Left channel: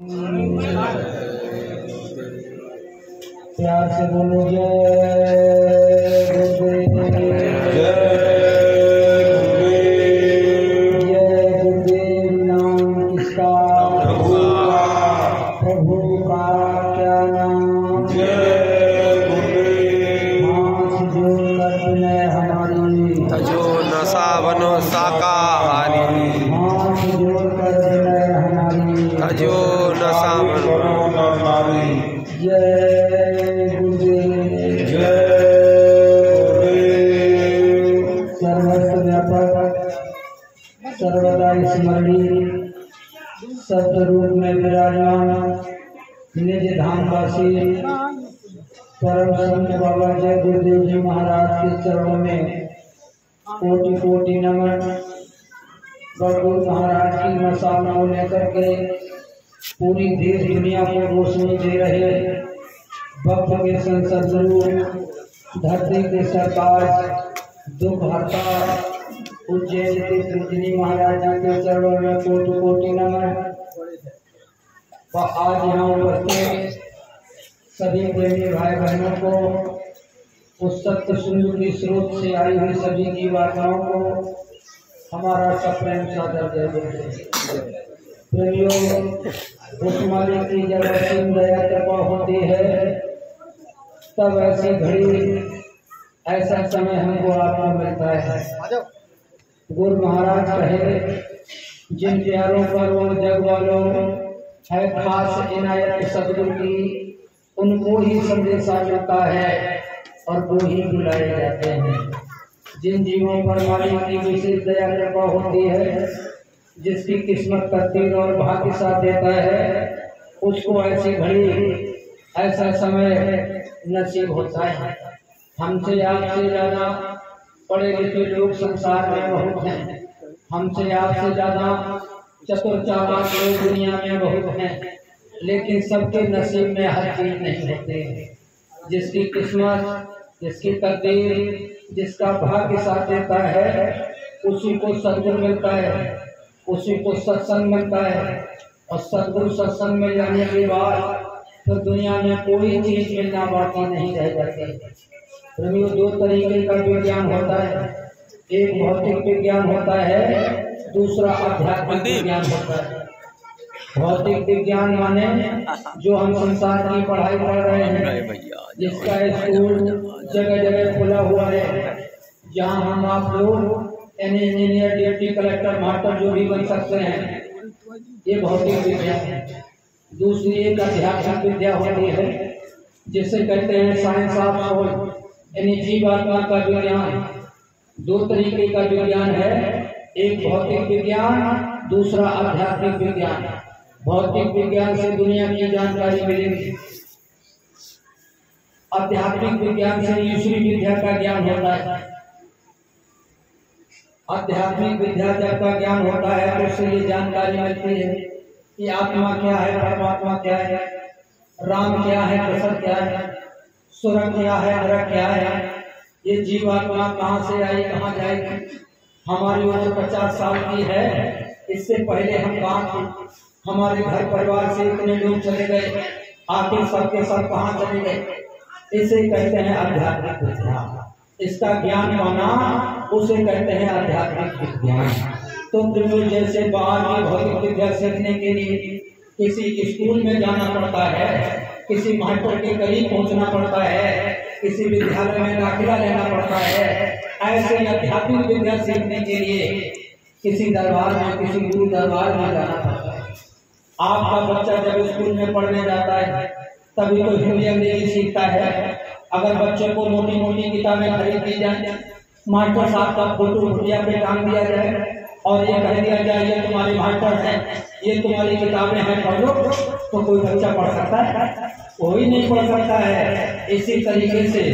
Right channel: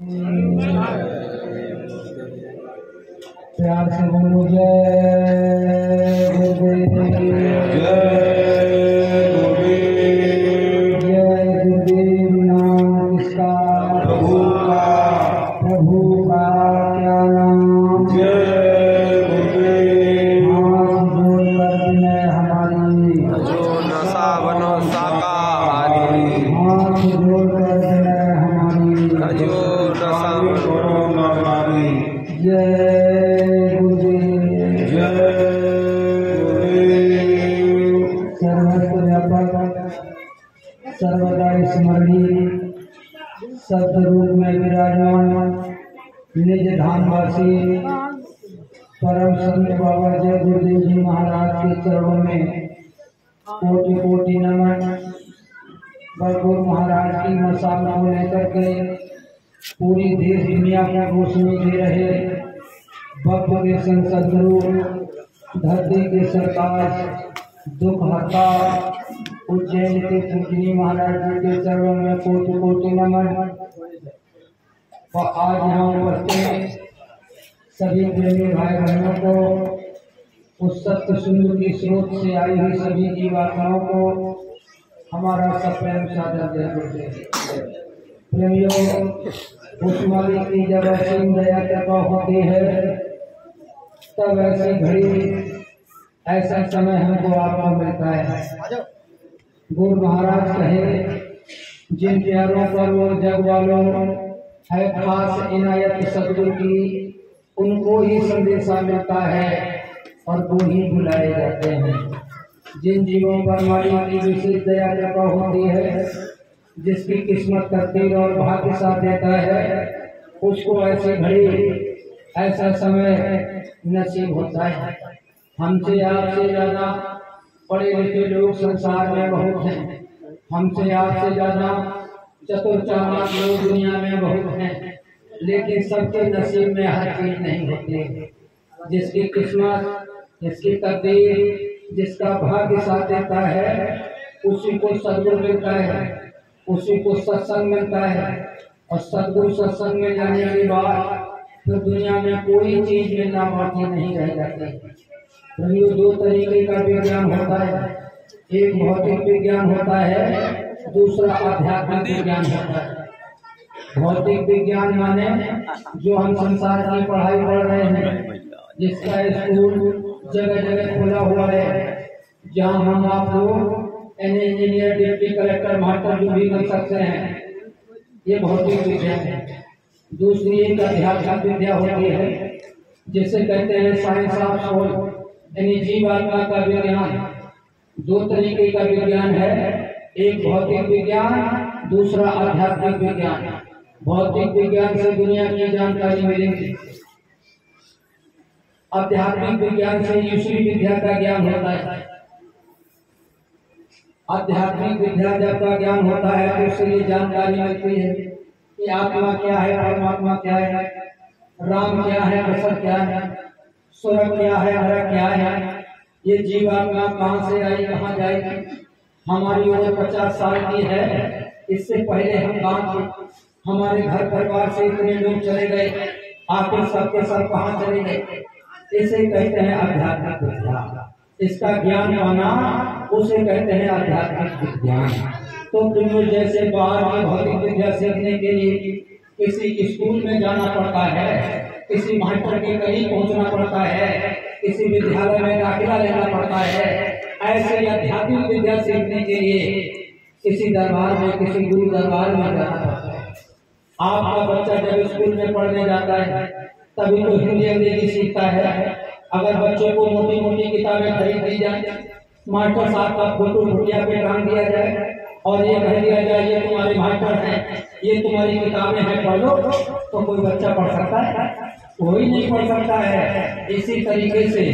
प्यार से बोलो जय गुरुदेव। जय गुरुदेव नाम किसका? प्रभु का क्या नाम? हाथ जोड़कर विनय हमारी, तजो नशा बनो शाकाहारी। हाथ जोड़कर विनय हमारी, तजो नशा बनो हमारी। जय गुरुदेव। सर्वत्र व्यापक सर्वदा स्मरणीय सतरूप में विराजमान निज धामवासी परम संत बाबा जय गुरुदेव जी महाराज के चरणों में कोटि कोटि नमन। गुरु महाराज की मसाल को लेकर के पूरी देश दुनिया को रोशनी दे रहे भक्त के संत सदगुरु, धरती के सरताज, दुख हरता उज्जैन के पूजनी महाराज जी के चरणों में कोटि कोटि नमन। आज यहाँ उपस्थित सभी प्रेमी भाई बहनों को, उस सत्य सुंदर की स्रोत से आई हुई सभी की वार्ताओं को हमारा सप्रेम सादर जय। प्रेमियों, उस मालिक की जब असीम दया कृपा होती है तब ऐसी घड़ी ऐसा समय हमको आपको मिलता है। गुरु महाराज कहे जिन प्यारों पर वो जग वालों है खास इनायत सदगुरु की, उनको ही संदेशा मिलता है और वो ही बुलाए जाते हैं। जिन जीवों पर मालिक की विशेष दया कृपा होती है, जिसकी किस्मत तकदीर और भाग्य साथ देता है, उसको ऐसी घड़ी ऐसा समय नसीब होता है। हमसे आपसे ज्यादा पढ़े लिखे लोग संसार में बहुत हैं, हमसे आपसे ज्यादा चतुर चालाक लोग दुनिया में बहुत हैं, लेकिन सबके नसीब में हर चीज नहीं होती। जिसकी किस्मत, जिसकी तकदीर, जिसका भाग्य साथ देता है, उसी को सद्गुरु मिलता है, उसी को सत्संग मिलता है। और सद्गुरु सत्संग में जाने के बाद फिर दुनिया में कोई चीज मिलना बाकी नहीं रह जाती। दो तरीके का विज्ञान होता है, एक भौतिक विज्ञान होता है, दूसरा आध्यात्मिक विज्ञान होता है। भौतिक विज्ञान माने जो हम संसार की पढ़ाई पढ़ रहे हैं, जिसका स्कूल जगह जगह खुला हुआ है, जहाँ हम आप लोग इंजीनियर, डिप्टी कलेक्टर, मास्टर जो भी बन सकते हैं, ये भौतिक विज्ञान है। दूसरी एक आध्यात्मिक विद्या होती है, जिसे कहते हैं साइंस ऑफ सोल, यानी जीवात्मा का विज्ञान। दो तरीके का विज्ञान है, एक भौतिक विज्ञान, दूसरा आध्यात्मिक विज्ञान। भौतिक विज्ञान से दुनिया की जानकारी मिलेगी, आध्यात्मिक विज्ञान से ईश्वरी विद्या का ज्ञान होता है। आध्यात्मिक विद्या जब का ज्ञान होता है तो उससे ये जानकारी मिलती है कि आत्मा क्या है, परमात्मा क्या है, राम क्या है, कृष्ण क्या है, स्वर्ग क्या है, नरक क्या है, ये जीवात्मा कहाँ से आई, कहाँ जाएगी। हमारी उम्र 50 साल की है, इससे पहले हम कहाँ थे, हमारे घर परिवार से इतने लोग चले गए, आखिर सबके सब कहाँ चले गए। इसे कहते हैं आध्यात्मिक विद्या। इसका ज्ञान पाना उसे कहते हैं आध्यात्मिक विज्ञान। तो प्रेमियों, जैसे बाहर की भौतिक विद्या सीखने के लिए किसी स्कूल में जाना पड़ता है, किसी मास्टर के करीब पहुंचना पड़ता है, किसी विद्यालय में दाखिला लेना पड़ता है, ऐसे आध्यात्मिक विद्या सीखने के लिए किसी दरबार में, किसी गुरु दरबार में जाना पड़ता है। आपका बच्चा जब स्कूल में पढ़ने जाता है तभी तो हिंदी अंग्रेजी सीखता है। अगर बच्चे को मोटी मोटी किताबें खरीद दी जाए, मास्टर साहब का फोटो भुटिया पे टांग दिया जाए और ये कह दिया जाए ये तुम्हारे मास्टर हैं, ये तुम्हारी किताबें हैं, पढ़ो, तो कोई बच्चा पढ़ सकता है? कोई नहीं पढ़ सकता है। इसी तरीके से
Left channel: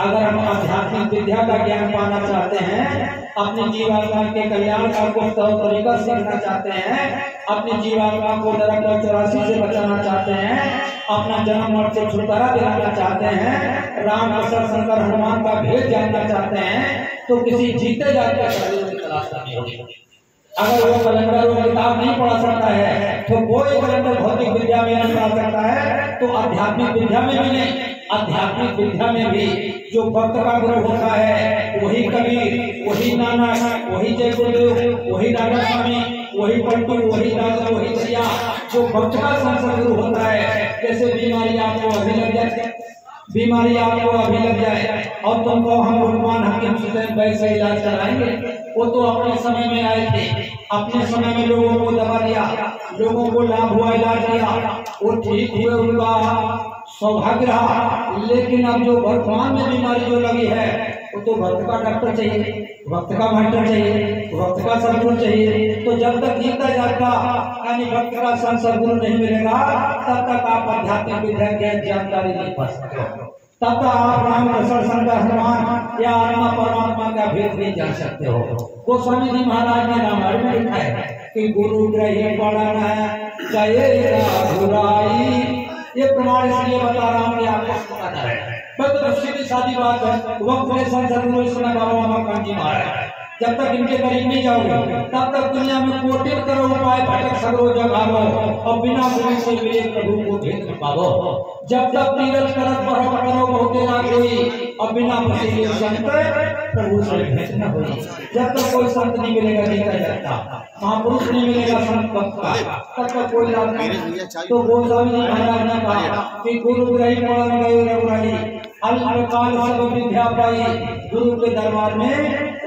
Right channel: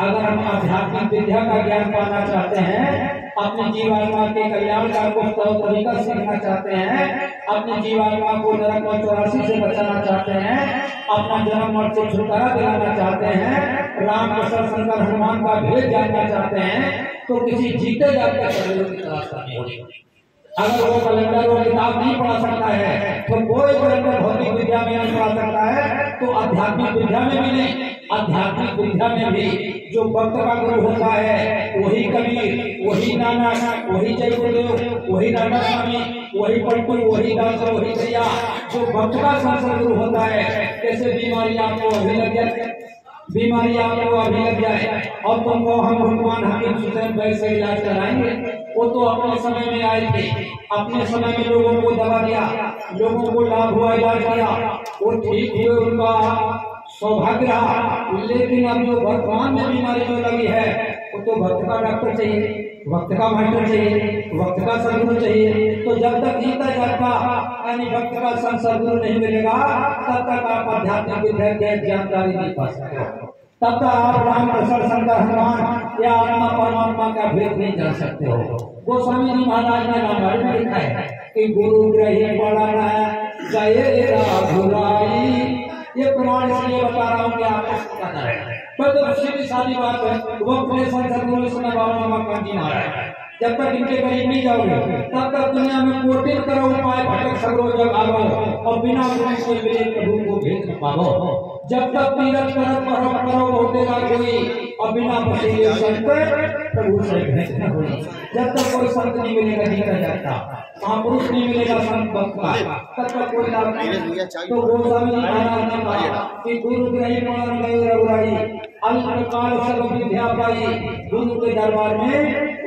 अगर हम आध्यात्मिक विद्या का ज्ञान पाना चाहते हैं, अपनी जीवात्मा के कल्याण का कुछ तौर तरीका सीखना चाहते हैं, अपनी जीवात्मा को नरक और 84 से बचाना चाहते हैं, अपना जन्म मरण से छुटकारा दिलाना चाहते हैं, राम कृष्ण शंकर हनुमान का भेद जानना चाहते हैं, तो किसी जीते जाते अगर वो कैलेंडर को किताब नहीं पढ़ा सकता है तो कोई कैलेंडर भौतिक विद्या आध्यात्मिक विद्या में भी नहीं, आध्यात्मिक विद्या में भी जो भक्त का गुरु होता है वही कबीर, वही नानक, वही जय गुरुदेव, वही राधा स्वामी, वही पलटू, वही दास, वही दैया। जो भक्त का संसद गुरु होता है, जैसे बीमारी आपको अभी लग जाए, बीमारी आपको अभी लग जाए और तुमको हम रुकमान हकीम हुसैन भाई से इलाज कराएंगे, वो तो अपने समय में आए थे, अपने समय में लोगों को दवा दिया, लोगों को लाभ हुआ, इलाज किया, वो ठीक हुए, उनका सौभाग्य रहा। लेकिन अब जो वर्तमान में बीमारी जो लगी है, वो तो भक्त का डॉक्टर चाहिए, भक्त का मास्टर चाहिए, भक्त का सदगुरु चाहिए। तो जब तक जीता जाता यानी भक्त का सदगुरु नहीं मिलेगा, तब तक आप आध्यात्मिक विद्या की जानकारी नहीं पा सकते, तब तक आप राम कृष्ण शंकर हनुमान या आत्मा परमात्मा का भेद नहीं जान सकते हो। गोस्वामी जी महाराज ने रामायण में लिखा है कि गुरु ग्रही पढ़ना गएगा भुलाई। ये प्रमाण इसलिए बता रहा हूँ कि आपको पता है। तो सीधी सादी बात है, वक्त में सदगुरु इसमें बाबा मकान जी महाराज, जब तक इनके करीब नहीं जाओगे तब तक दुनिया में कोटिन करो उपाय भटक सगरो जग आवो और बिना गुरु से मिले प्रभु को भेद न पावो। जब तक तीरथ करत करो होते ना कोई और बिना बसे संत प्रभु से भेद न होई। जब तक कोई संत नहीं मिलेगा नहीं जाता, महापुरुष नहीं मिलेगा संत भक्त का, तब तक कोई लाभ नहीं। तो गोस्वामी जी महाराज ने कहा कि गुरु ग्रही पढ़न गए रघुराई, अल्पकाल सब विद्या पाई, गुरु के दरबार में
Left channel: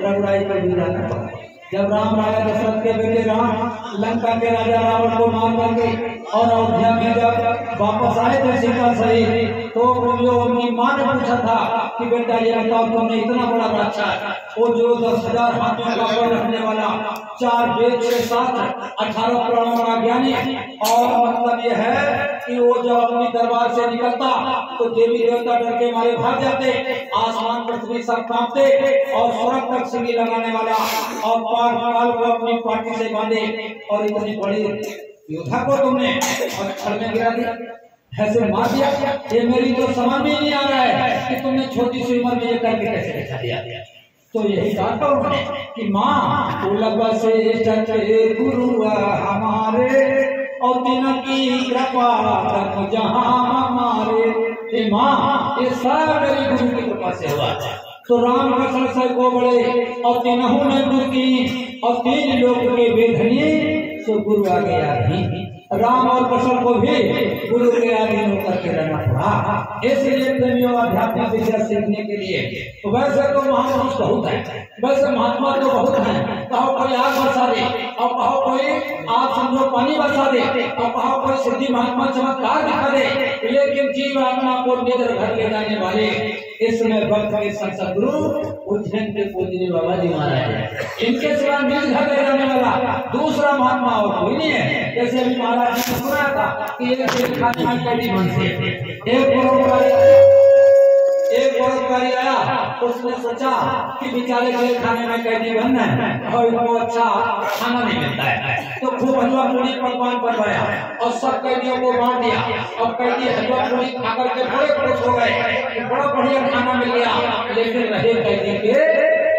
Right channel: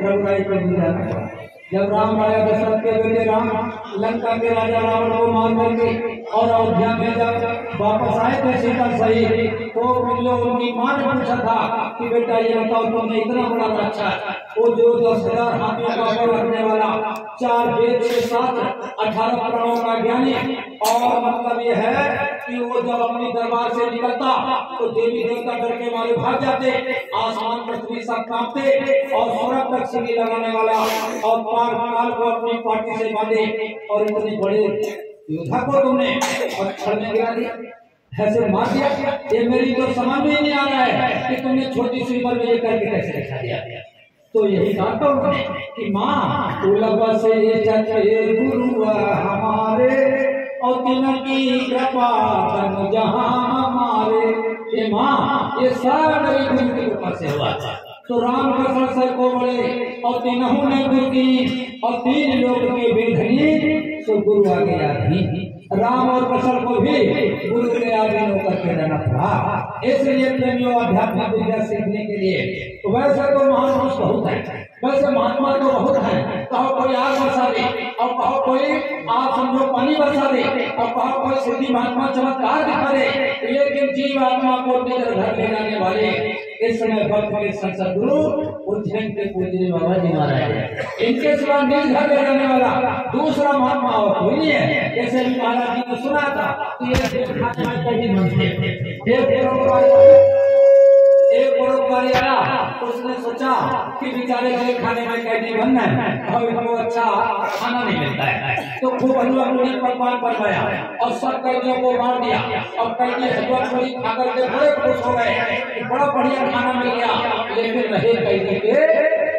रघुराई को भी जाना पड़ा। जब राम राजा दशरथ के बेटे राम लंका के राजा रावण को मार करके और अयोध्या में जब वापस आए थे सीता सहित, तो जो उनकी मां ने पूछा था कि बेटा ये बताओ तुमने इतना बड़ा अच्छा, वो जो 10,000 हाथियों का बल रखने वाला, 4 वेद के साथ 18 पुराणों का ज्ञानी, और मतलब ये है कि वो जब अपनी दरबार से निकलता तो देवी देवता डर के मारे भाग जाते, आसमान पृथ्वी सब कांपते, और स्वर्ग तक सीढ़ी लगाने वाला और पाल को अपनी पार्टी से बांधे, और इतने बड़े योद्धा को तुमने छल में गिरा दिया, ऐसे मार दिया। ये मेरी तो समझ में नहीं आ रहा है कि तुमने छोटी सी उम्र में ये करके कैसे दिखा दिया। तो यही कहा था उन्होंने कि माँ उलग से चले गुरु हमारे और तिनकी कृपा तन जहां हमारे। ये माँ ये सब मेरे गुरु की कृपा से हुआ। तो राम कृष्ण सर को बड़े और तीनों ने गुरु की और 3 लोक के वेधनी, सो गुरु आ गया भी। राम और कृष्ण को भी गुरु के अधीन होकर के रहना पड़ा। इसलिए प्रेमियों आध्यात्मिक विद्या सीखने के लिए तो वैसे तो महापुरुष बहुत है, वैसे महात्मा तो बहुत है, कहो कोई आग बरसा दे और कहो कोई आप समझो पानी बरसा दे और कहो कोई सिद्धि महात्मा चमत्कार दिखा दे, लेकिन जीव आत्मा को निज घर ले जाने वाले इस समय भक्त के सदगुरु उज्जैन के पूज्य बाबा जी महाराज, इनके सिवा निज घर ले जाने वाला दूसरा महात्मा और कोई नहीं है। जैसे अभी महाराज ने सुना था कि एक परोपकारी आया, उसने सोचा कि बेचारे के खाने में कैदी बनना है और इनको अच्छा खाना नहीं मिलता है, तो खूब हलवा पूरी पकवान बनवाया और सब कैदियों को बांट दिया, और कैदी हलवा पूरी खाकर के बड़े खुश हो गए, बड़ा बढ़िया खाना मिल गया। लेकिन रहे कैदी के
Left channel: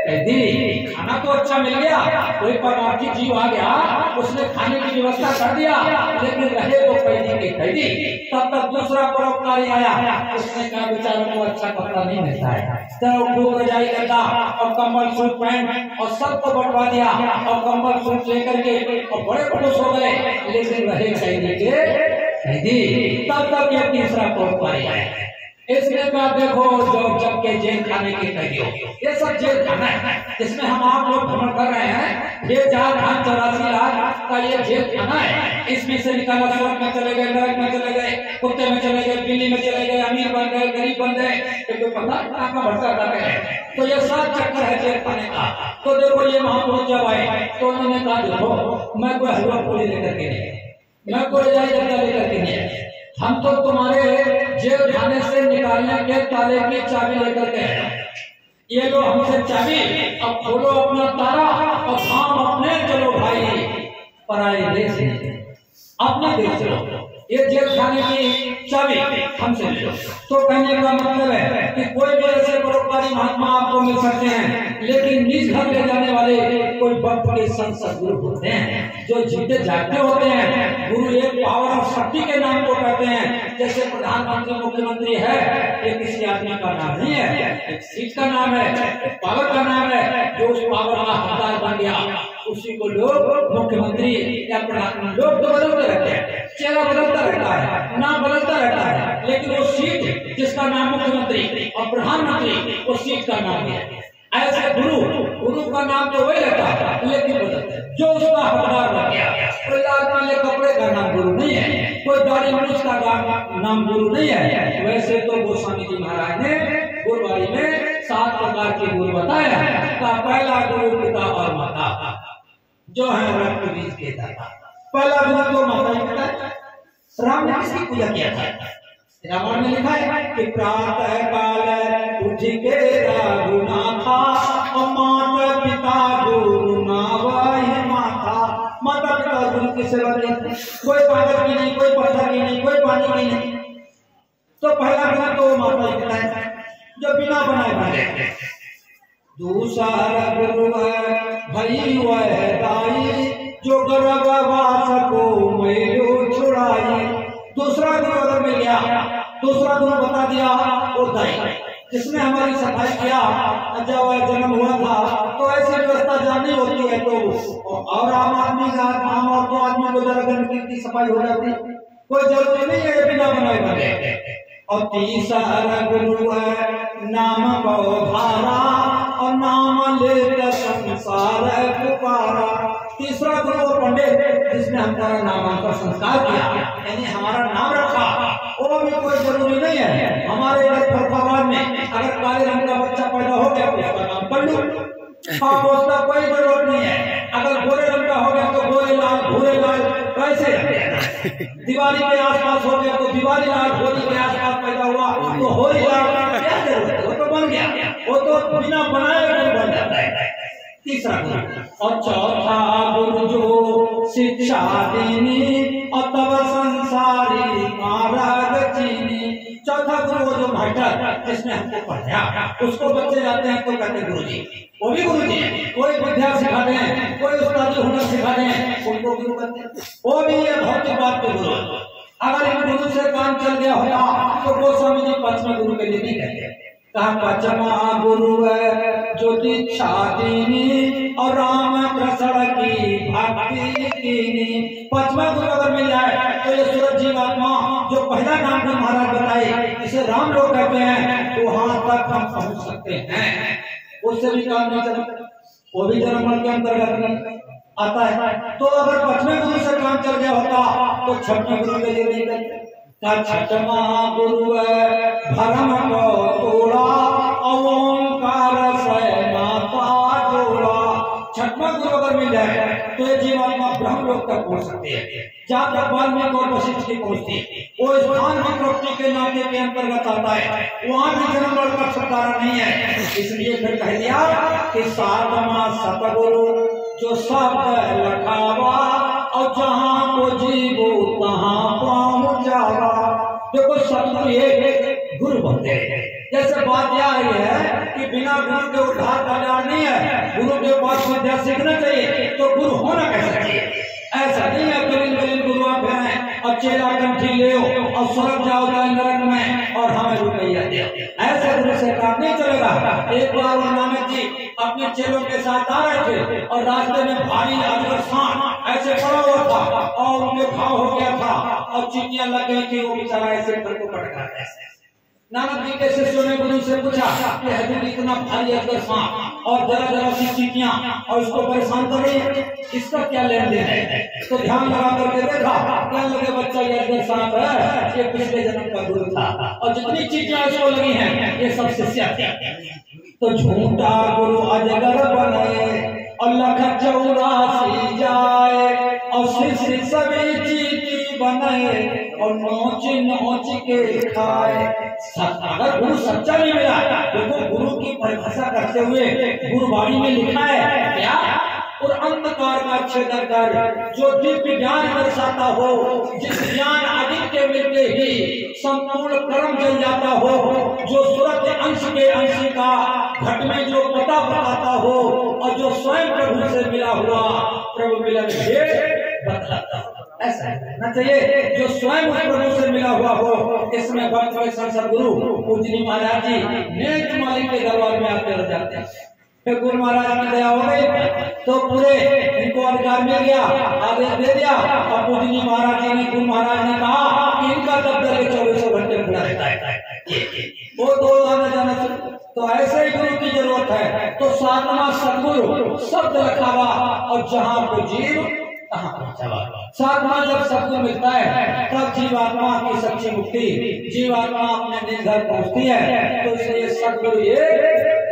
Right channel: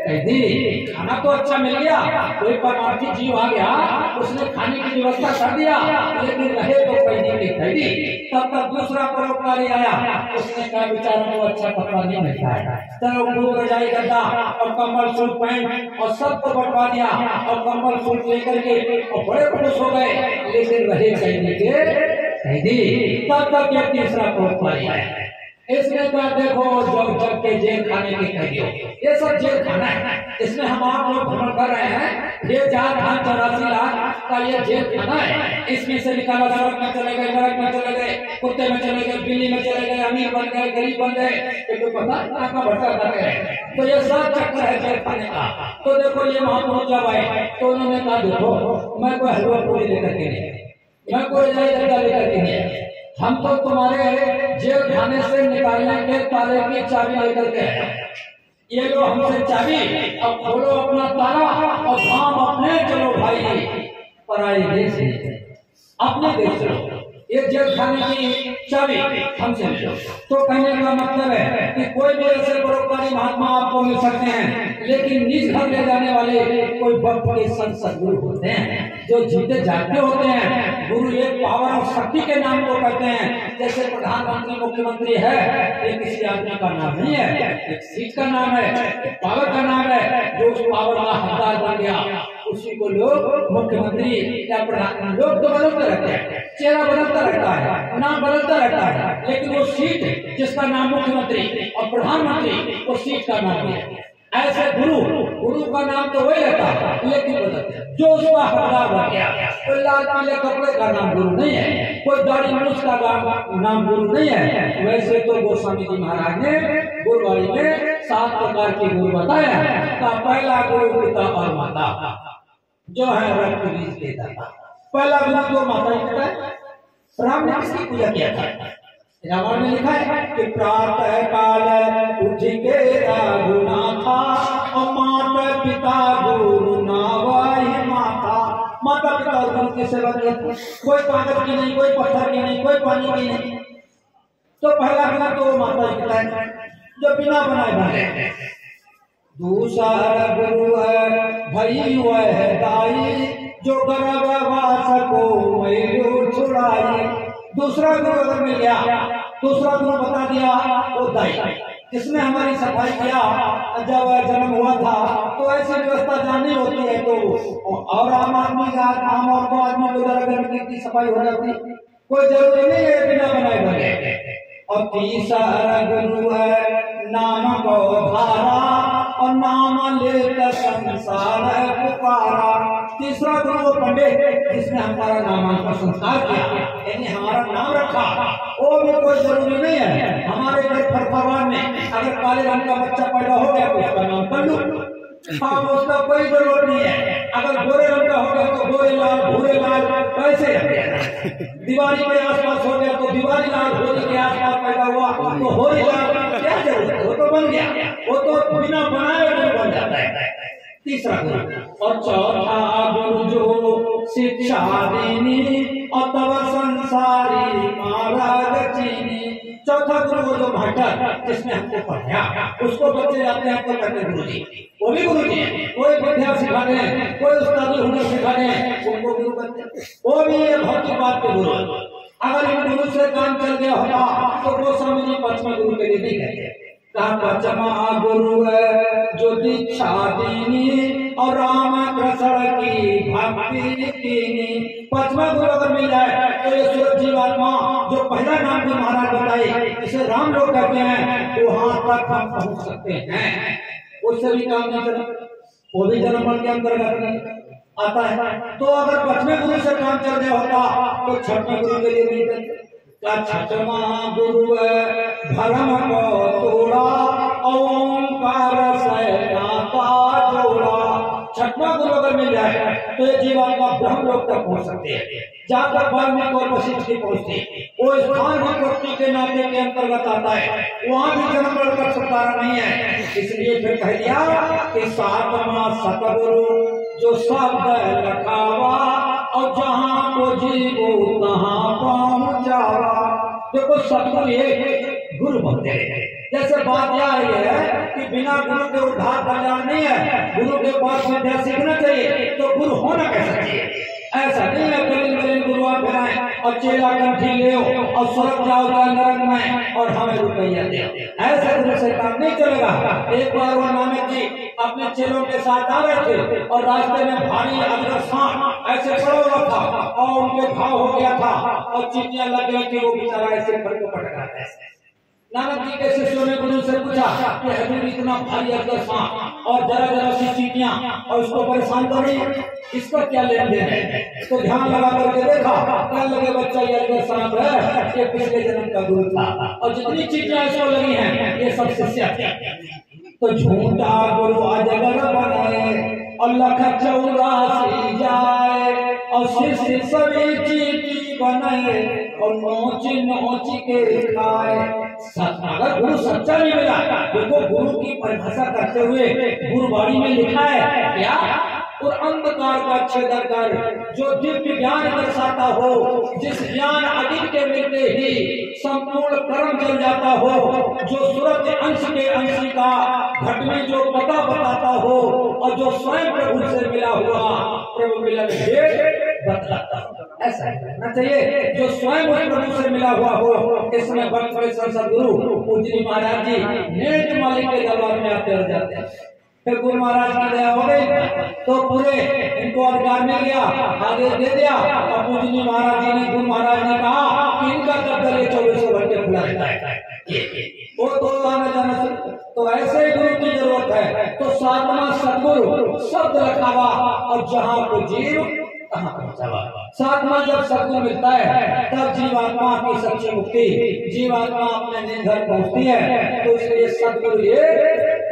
कैदी, खाना तो अच्छा मिल गया, कोई परमार्थी जीव आ गया, उसने खाने की व्यवस्था कर दिया, लेकिन रहे तो कैदी के कैदी। तब तक दूसरा परोपकारी आया, उसने कहा बेचारों को अच्छा कपड़ा नहीं मिलता है, चलो खूब रजाई करता और कंबल सूट पैंट और सबको बंटवा दिया और कंबल सूट लेकर के और बड़े खुश हो गए, लेकिन रहे कैदी के कैदी। तब तक ये तीसरा परोपकारी आया, इसने कहा देखो जब के जेल खाने के कैदी हो, ये सब जेल खाना है, इसमें हम आप लोग भ्रमण कर रहे हैं, ये 84 लाख का ये जेल खाना है, इसमें से निकाला स्वर्ग में चले गए, नरक में चले गए, कुत्ते में चले गए, बिल्ली में चले गए, अमीर बन गए, गरीब बन गए, तो पता का भटका लगे। तो ये सब चक्कर है जेल खाने का। तो देखो ये महापुरुष जब आए तो उन्होंने कहा देखो मैं कोई हलवा पूरी लेकर के नहीं, मैं कोई रजाई गद्दा लेकर के नहीं, हम तो तुम्हारे जेल खाने से निकालने के ताले की चाबी लेकर के आए, ये लो हमसे चाबी, अब खोलो अपना ताला और काम अपने चलो भाई, पराई देश अपने देश चलो। ये जेल खाने की चाबी हमसे ले लो। तो कहने का मतलब है कि कोई भी ऐसे परोपकारी महात्मा आपको मिल सकते हैं, लेकिन निज घर ले जाने वाले कोई वक्त के संत सदगुरु होते हैं जो जीते जागते होते हैं। गुरु एक पावर और शक्ति के नाम को कहते हैं। जैसे प्रधानमंत्री मुख्यमंत्री है, ये किसी आदमी का नाम नहीं है, एक सीट का नाम है, एक पावर का नाम है। जो उस पावर का हकदार बन गया उसी को लोग मुख्यमंत्री या प्रधान, लोग तो बदलते रहते हैं, चेहरा बदलता रहता है, नाम बदलता रहता है, लेकिन वो सीट जिसका नाम मुख्यमंत्री और प्रधानमंत्री, वो सीट का नाम है। ऐसे गुरु का नाम तो वही रहता है, लेकिन बदलते जो उसका हकदार बन गया। कोई लाल पीले कपड़े का नाम गुरु नहीं है, कोई दाढ़ी मूछ का नाम गुरु नहीं है। वैसे तो गोस्वामी जी महाराज ने गुरुवारी में 7 प्रकार के गुरु बताया। का पहला गुरु पिता और माता, जो है रक्त बीज के दाता। पहला गुरु जो माता पिता है। राम ने किसकी पूजा किया था? रामायण में लिखा है कि प्रातः काल उठ के रघुनाथा, और माता पिता गुरु नावहि माता। माता पिता और गुरु की सेवा की, कोई कागज की नहीं, कोई पत्थर की नहीं, कोई पानी की नहीं। तो पहला गुरु तो माता पिता है जो बिना बनाए बने। दूसरा गुरु है भई वह दाई, जो गर्भवास को मैलो छुड़ाई। दूसरा गुरु अगर मिल गया, दूसरा गुरु बता दिया वो दाई, जिसने हमारी सफाई किया। जब जन्म हुआ था तो ऐसी व्यवस्था जानी होती है, तो और आम आदमी का आम और तो आदमी को जरा की सफाई हो जाती, कोई जरूरी नहीं है बिना बनाए बने। और तीसरा गुरु है नाम भारा, और नाम लेकर संसार पुकारा। तीसरा गुरु वो पंडित जिसने हमारा नामांकन संस्कार किया, यानी हमारा नाम रखा। वो भी कोई जरूरी नहीं है। हमारे इधर फरफाबाद में अगर काले रंग का बच्चा पैदा हो गया तो उसका नाम कर लो, उसका कोई जरूरत नहीं है। अगर गोरे रंग का हो गया तो गोरे लाल, भूरे लाल, वैसे दिवाली के आसपास हो गया तो दिवाली लाल, होली के आसपास पैदा हुआ तो होली लाल। क्या जरूरत है? वो तो बन गया, वो तो बिना बनाए हुए बन जाता है। तीसरा गुरु। और चौथा गुरु जो शिक्षा देनी, और तब संसारी मार्ग चीनी। चौथा गुरु वो जो मास्टर जिसने हमको पढ़ाया, उसको बच्चे जाते हैं तो कहते गुरु जी, वो भी गुरु जी है। कोई विद्या सिखा दें, कोई उस्तादी हुनर सिखा दें, उनको गुरु कहते हैं। वो भी ये भौतिक बात के गुरु। अगर इन गुरु से काम चल गया होता तो गोस्वामी जी 5वें गुरु के लिए नहीं कहते। कहा पांचवा गुरु है जो दीक्षा दीनी, और राम कृष्ण की भक्ति कीनी। 5वां गुरु अगर मिल जाए तो ये सूरज जीवात्मा जो पहला नाम जो महाराज बताए, जिसे राम लोग कहते हैं, वहां तक हम पहुंच सकते हैं। उससे भी काम नहीं चला, वो भी जन्म मरण के अंतर्गत नहीं आता है। तो अगर 5वें गुरु से काम चल गया होता तो 6वें गुरु के लिए नहीं करते। छठवा गुरु भरम को तोड़ा, ओंकार से नाता जोड़ा। 6वां गुरु अगर मिल जाए तो ये जीवात्मा ब्रह्म लोक तक पहुंच सकते हैं, जहाँ तक वाल्मीकि और वशिष्ठ की पहुंचती। वो स्थान भी प्रकृति के नाते के अंतर्गत आता है, वहां भी जन्म मरण का छुटकारा नहीं है। इसलिए फिर कह दिया कि 7वां सतगुरु जो शब्द लखावा, और जहाँ को जीवो तहाँ पहुँच जावा। देखो सतगुरु ये गुरु बनते हैं। जैसे बात यह है कि बिना गुरु के उद्धार कल्याण नहीं है। गुरु के पास विद्या सीखना चाहिए तो गुरु होना कैसे चाहिए? ऐसा नहीं है कलिल गुरु आप बनाए और चेला कंठी ले और स्वर्ग जाओ नरक में और हमें रुपया दे। ऐसे गुरु से काम नहीं चलेगा। एक बार वो नानक जी अपने चेलों के साथ आ रहे थे और रास्ते में भारी अजगर सांप ऐसे पड़ा हुआ था और उनके घाव हो गया था और चींटियां लग गई थी। वो बेचारा ऐसे घर को पटक रहा था। नानक जी के शिष्यों ने गुरु से पूछा कि हजूर इतना भारी अजगर सांप और जरा जरा सी चींटियां और उसको परेशान कर रही है, इसका क्या लेन देन है? तो ध्यान लगा करके देखा, कहने लगे बच्चा ये अजगर सांप है, ये पिछले जन्म का गुरु था और जितनी चींटियां इसको लगी हैं ये सब शिष्य थे। तो झूठा गुरु अजगर बने और लख 84 जाए और शिष्य सभी चींटी बने और नोच नोच के खाए। अगर गुरु सच्चा नहीं मिला, देखो गुरु की परिभाषा करते हुए गुरुवाणी में लिखा है क्या और अंधकार का छेदन कर जो दिव्य ज्ञान दर्शाता हो, जिस ज्ञान अधिक के मिलते ही संपूर्ण कर्म जल जाता हो, जो सूरज अंश के अंशी का घट में जो पता बताता हो और जो स्वयं प्रभु से मिला हुआ प्रभु मिलन बतलाता हो। ऐसा है चाहिए जो स्वयं प्रभु से मिला हुआ हो। इसमें भक्त संसद गुरु पूजनी महाराज जी नेत्र माली के दरबार में आते रह जाते हैं। फिर गुरु महाराज की दया हो गई तो पूरे इनको अधिकार मिल गया, आदेश दे दिया। और पूजनी महाराज जी ने, गुरु महाराज ने कहा कि इनका दफ्तर 24 घंटे खुला रहता है, वो तो आना जाना। तो ऐसे ही गुरु की जरूरत है। तो सातवां सदगुरु शब्द रखावा और जहां को जीव तहां पहुंचावा। सातवां जब सदगुरु मिलता है तब जीवात्मा की सच्ची मुक्ति, जीवात्मा अपने निर्घर पहुंचती है। तो इसलिए सदगुरु ये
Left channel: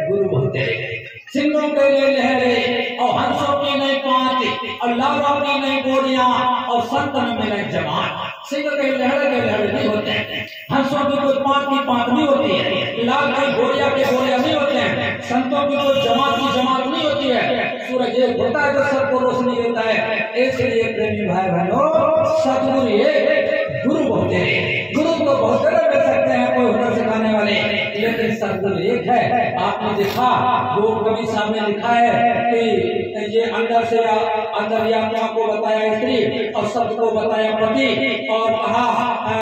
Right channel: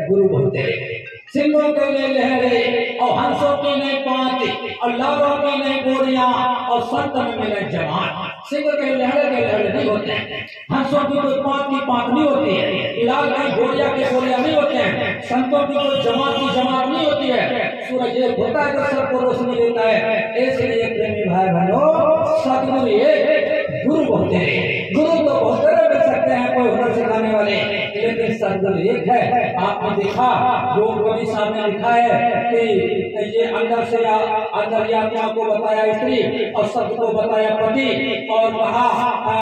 गुरु बोलते हैं। सिंहों के लिए लहरें और हंसों की नई पांति और लालों की नई बोरियां और संतन में नई जमात। सिंह के लहरे नहीं होते हैं, हंसों की कोई पांत की पांत नहीं होती है, लाल की बोरिया के बोरिया नहीं होते हैं, संतों की कोई जमात की जमात नहीं होती है। सूरज एक होता है जो सबको रोशनी देता है। इसलिए प्रेमी भाई बहनों, सदगुरु ये गुरु बोलते हैं। गुरु को बहुत तरह मिल सकते हैं, कोई हुनर सिखाने वाले, लेकिन सदगुरु एक है। आपने देखा जो कवि साहब ने लिखा है कि ये अंदर से अंतर्यात्मा को बताया स्त्री और शब्द को बताया पति और कहा